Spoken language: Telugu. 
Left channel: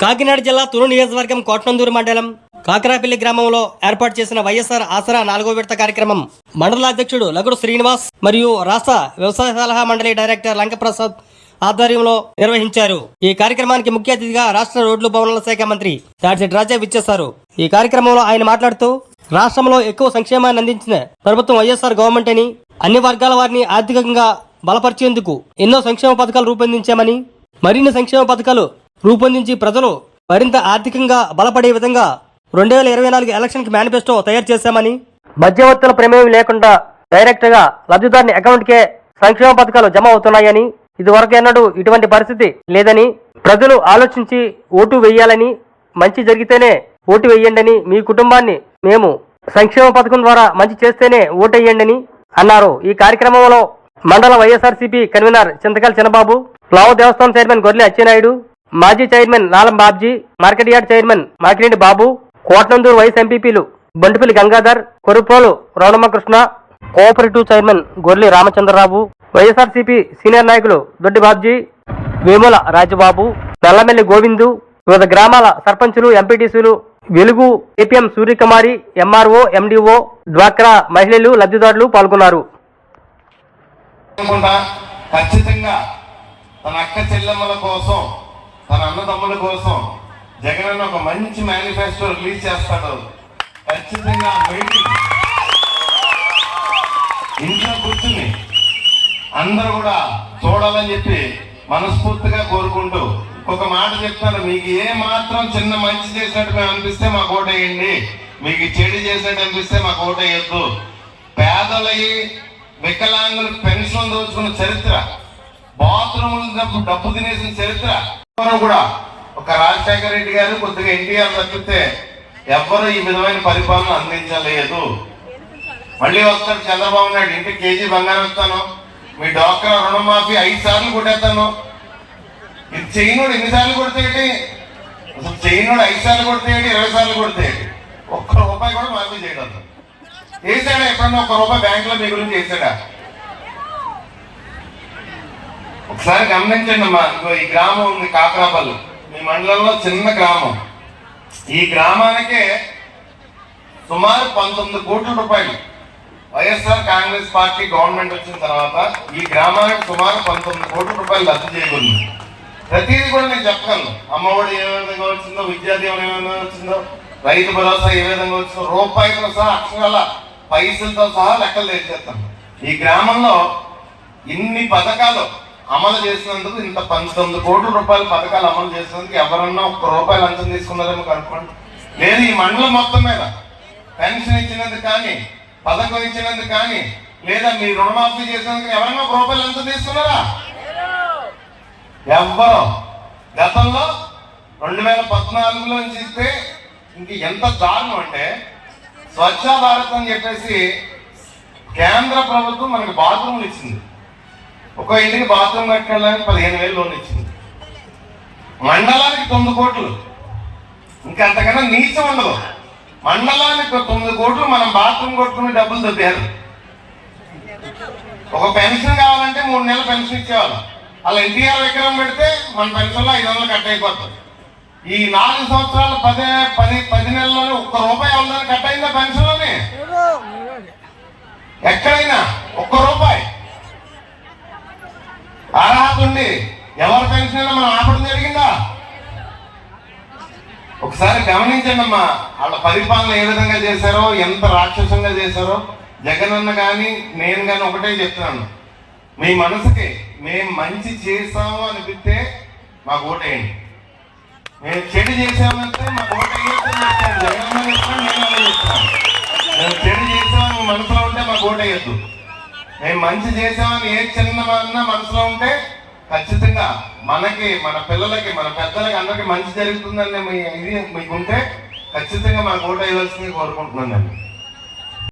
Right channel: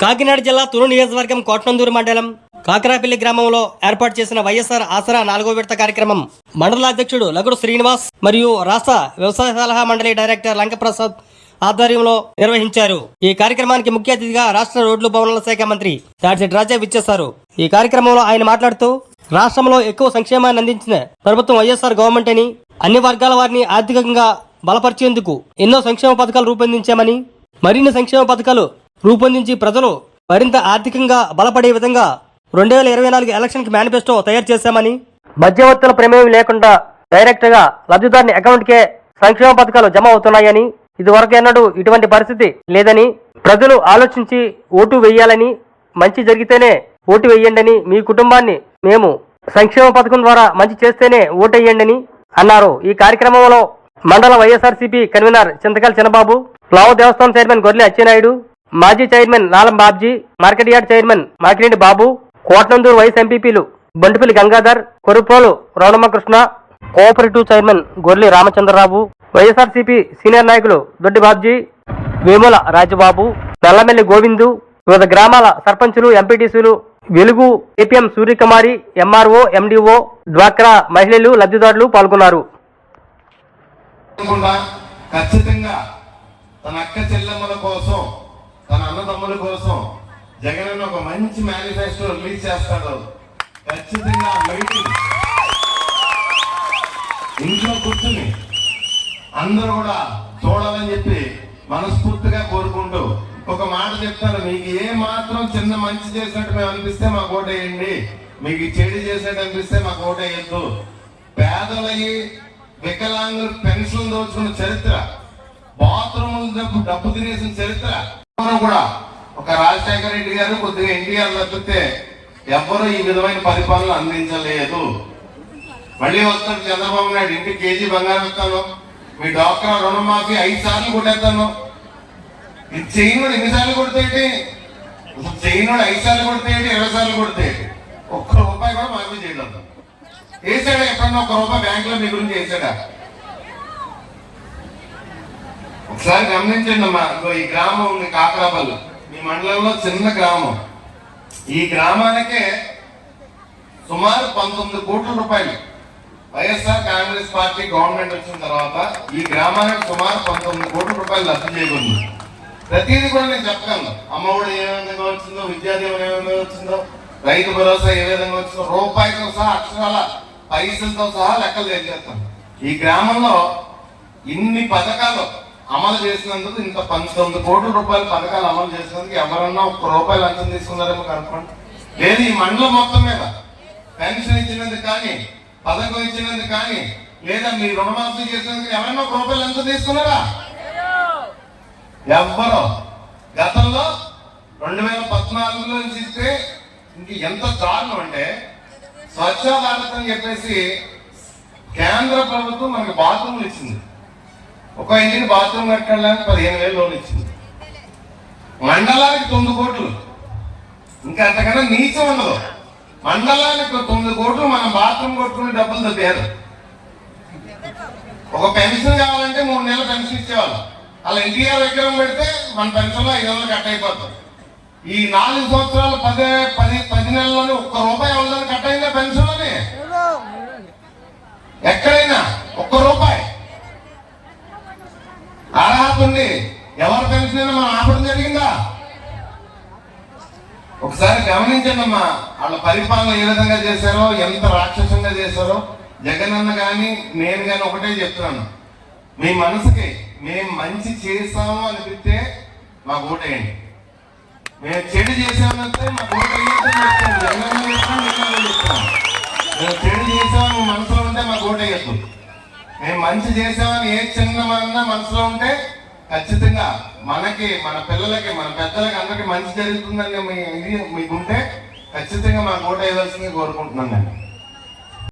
కాకినాడ జిల్లా తురు నియోజకవర్గం కోట్నందూరు మండలం కాకరాపల్లి గ్రామంలో ఏర్పాటు చేసిన వైఎస్ఆర్ ఆసరా నాలుగో విడత కార్యక్రమం మండల అధ్యక్షుడు లగుడు శ్రీనివాస్ మరియు రాష్ట్ర వ్యవసాయ సలహా మండలి డైరెక్టర్ లంకప్రసాద్ ఆధ్వర్యంలో నిర్వహించారు. ఈ కార్యక్రమానికి ముఖ్య అతిథిగా రాష్ట్ర రోడ్లు భవనాల శాఖ మంత్రి దాడిశెట్టి రాజా విచ్చేశారు. ఈ కార్యక్రమంలో ఆయన మాట్లాడుతూ రాష్ట్రంలో ఎక్కువ సంక్షేమాన్ని అందించిన ప్రభుత్వం వైఎస్ఆర్ గవర్నమెంట్ అని అన్ని వర్గాల వారిని ఆర్థికంగా బలపరిచేందుకు ఎన్నో సంక్షేమ పథకాలు రూపొందించామని మరిన్ని సంక్షేమ పథకాలు రూపొందించి ప్రజలు మరింత ఆర్థికంగా బలపడే విధంగా రెండు వేల ఇరవై నాలుగు ఎలక్షన్కి మేనిఫెస్టో తయారు చేశామని మధ్యవర్తుల ప్రమేయం లేకుండా డైరెక్ట్గా లబ్ధిదారుని అకౌంట్ కే సంక్షేమ పథకాలు జమ అవుతున్నాయని ఇదివరకు ఎన్నడూ ఇటువంటి పరిస్థితి లేదని ప్రజలు ఆలోచించి ఓటు వేయాలని మంచి జరిగితేనే ఓటు వేయండి మీ కుటుంబాన్ని మేము సంక్షేమ పథకం ద్వారా మంచి చేస్తేనే ఓటు వేయండి అన్నారు. ఈ కార్యక్రమంలో మండల వైఎస్ఆర్సీపీ కన్వీనర్ చింతకాల చిన్నబాబు ప్లావ్ దేవస్థానం చైర్మన్ గొర్రె అచ్చెనాయుడు మాజీ chairman Nalam Babji market yard chairman Makireddy Babu Kotnandur vice ఎంపీపీలు Bantupalli Gangadhar Korupolu Raunammakrishna cooperative chairman Gorli Ramachandrarao YSRCP senior నాయకులు దొడ్డి బాబ్జీ వేముల రాజబాబు నల్లమెల్లి గోవిందు వివిధ గ్రామాల సర్పంచులు ఎంపీటీసీలు వెలుగు ఏపీఎం సూర్యకుమారి ఎంఆర్ఓ ఎండిఓ డ్వాక్రా మహిళలు లబ్ధిదారులు పాల్గొన్నారు. ఖచ్చితంగా తన అక్క చెల్లెమ్మల కోసం తన కోసం జగన్ ఒక మంచి మేనిఫెస్టో రిలీజ్ చేస్తాడు. ఖచ్చితంగా మీటింగ్. ఇంట్లో కూర్చుని అందరూ కూడా చూడాలని చెప్పి మనస్ఫూర్తిగా కోరుకుంటూ ఒక మాట చెప్తాను. మీకు ఏ మాత్రం చిన్న మంచి చేసినట్టు మేము అనిపిస్తే మాకు ఓటేయండి. మీకు చెడు చేసినట్టు అనిపిస్తే మాకు ఓటేయద్దు. పేదలకి వికలాంగులు పెన్షన్ దోచుకున్న చరిత్ర బాత్రూమ్ డబ్బు డబ్బు తినేసిన చరిత్ర కూడా రాజశేఖర రెడ్డి గారు కొద్దిగా ఎన్టీఆర్ తప్పితే ఎవ్వరు ఈ విధమైన పరిపాలన అందించలేదు. మళ్ళీ వస్తాడు చంద్రబాబు నాయుడు ఇంటి కేజీ బంగారం ఇస్తాను. మీ డాక్టర్ రుణమాఫీ ఐదు సార్లు కొట్టేస్తాను. ఇది చేయనుడు ఎన్నిసార్లు కొడితేటి అసలు చేయనుడు ఐదు సార్లు కొడితేటి ఇరవై సార్లు కొడితేటి ఒక్క రూపాయి కూడా మాఫీ చేయగలుగుతాం వేసాడా ఎప్పుడన్నా ఒక్క రూపాయి బ్యాంక్లో మీ గురించి వేసాడా ఒకసారి గమనించండి అమ్మా ఈ గ్రామం ఉంది కాకరాపల్లి. ఈ మండలంలో చిన్న గ్రామం. ఈ గ్రామానికే సుమారు పంతొమ్మిది కోట్ల రూపాయలు వైఎస్ఆర్ కాంగ్రెస్ పార్టీ గవర్నమెంట్ వచ్చిన తర్వాత ఈ గ్రామానికి సుమారు పంతొమ్మిది కోట్ల రూపాయలు లబ్ధి చేయకుంది ప్రతిదీ కూడా నేను చెప్పగలను అమ్మఒడి ఏ విధంగా వచ్చిందో విద్యాదీవన ఏ విధంగా వచ్చిందో రైతు భరోసా ఏ విధంగా వచ్చిందో రూపాయితో సహా అక్షరాల పైసలతో సహా లెక్కలు తెచ్చేస్తాను ఈ గ్రామంలో ఇన్ని పథకాలు అమలు చేసినందుకు ఇంత పంతొమ్మిది కోట్ల రూపాయల పథకాలు అమలు చేసినందుకు ఎవరన్నా ఒక్క రూపాయలు అంచం తీసుకున్నారేమో కనుక్కోండి. లేదు ఈ మండలం మొత్తం మీద పెన్షన్ ఇచ్చినందుకు కానీ పథకం ఇచ్చినందుకు కానీ లేదా మీ రుణమాఫీ చేసినందుకు ఎవరన్నా ఒక రూపాయలు అంచం తీసుకున్నారా? ఎవ్వరు. గతంలో రెండు వేల పద్నాలుగులో చూస్తే ఇంక ఎంత దారుణం అంటే స్వచ్ఛ భారత్ అని చెప్పేసి కేంద్ర ప్రభుత్వం మనకి బాత్రూమ్లు ఇచ్చింది. ఒక ఇంటికి బాత్రూమ్ కట్టడానికి పదిహేను వేలు లోన్ ఇచ్చింది. మండలానికి తొమ్మిది కోట్లు. ఇంకా అంతకన్నా నీచం ఉండదు. మండలానికి తొమ్మిది కోట్లు మనం బాత్రూమ్ కొట్టుకునే డబ్బులు దొబ్బారు ఒక పెన్షన్ కావాలంటే మూడు నెలలు పెన్షన్ ఇచ్చేవాళ్ళం. అలా ఎన్టీఆర్ విగ్రహం పెడితే మన పెన్షన్లో ఐదు వందలు కట్ అయిపోతుంది. ఈ నాలుగు సంవత్సరాలు పది పది పది నెలల్లోనే ఒక్క రూపాయి అవుతుందని కట్ అయిందా పెన్షన్లోనే? ఎక్కడైనా ఒక్క రూపాయి ఎవరి పెన్షన్ మనం ఆపడం జరిగిందా? ఒకసారి గమనించండి అమ్మా వాళ్ళ పరిపాలన ఏ విధంగా చేశారో ఎంత రాక్షసంగా చేశారో జగన్ అన్న కానీ నేను కానీ ఒకటే చెప్తున్నాను. మీ మనసుకి మేము మంచి చేసాము అనిపిస్తే మాకు ఓటేయండి. మేము చెడు చేసామంటే మాకు ఓటు చెప్తాను జగన్ అన్న చెప్తాను నేను అదే చెప్తాను. మేము చెడు చేసాము మీ మనసులో ఉంటే మాకు ఓటు మేము మంచి చేసామని ఏ చిన్న మనసులో ఉంటే ఖచ్చితంగా మనకి మన పిల్లలకి మన పెద్దలకి అందరికీ మంచి జరుగుతుందని మీ ఇది మీకు ఉంటే ఖచ్చితంగా మన ఓటు వేయవలసింది కోరుకుంటున్నాను